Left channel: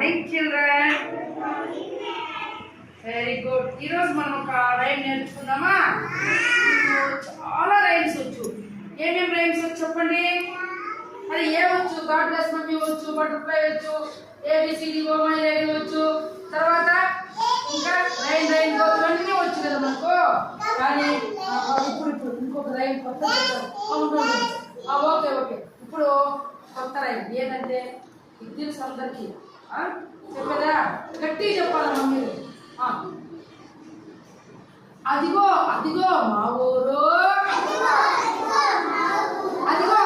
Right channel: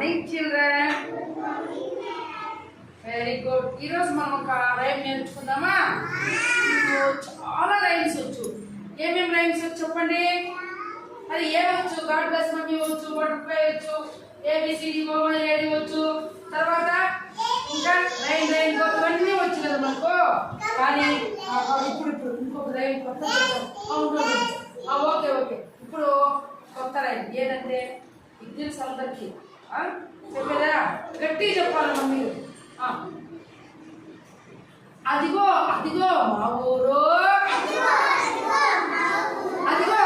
Morning children. Very good. ఈరోజు మనం ఒక రైమ్ నేర్చుకుందామా? చాలా రైమ్స్ వచ్చు. ఏమేమి రైమ్స్ వచ్చు చెప్పండి. అది ఏ వచ్చు? గాడ్ బ్లెస్ మమ్మీ వచ్చు, బటర్ఫ్లై వచ్చు, ఏబిసిడి రెడీ వచ్చు, తర్వాత ఇంకా రైన్ రైన్ గోతు అన్నీ వచ్చు కదా మనకు. కానీ ఇప్పుడు ఇంకొక రైన్ కొత్త ఓకే ఓకే. ఇప్పుడు కొత్త రైన్ ఏదంటే ఇది తెలుసు అందరికి చెప్పేదా? గట్టిగా చెప్పాలి మమ్మీ. అదిగో అదిగో మా ఊరు, అదిగో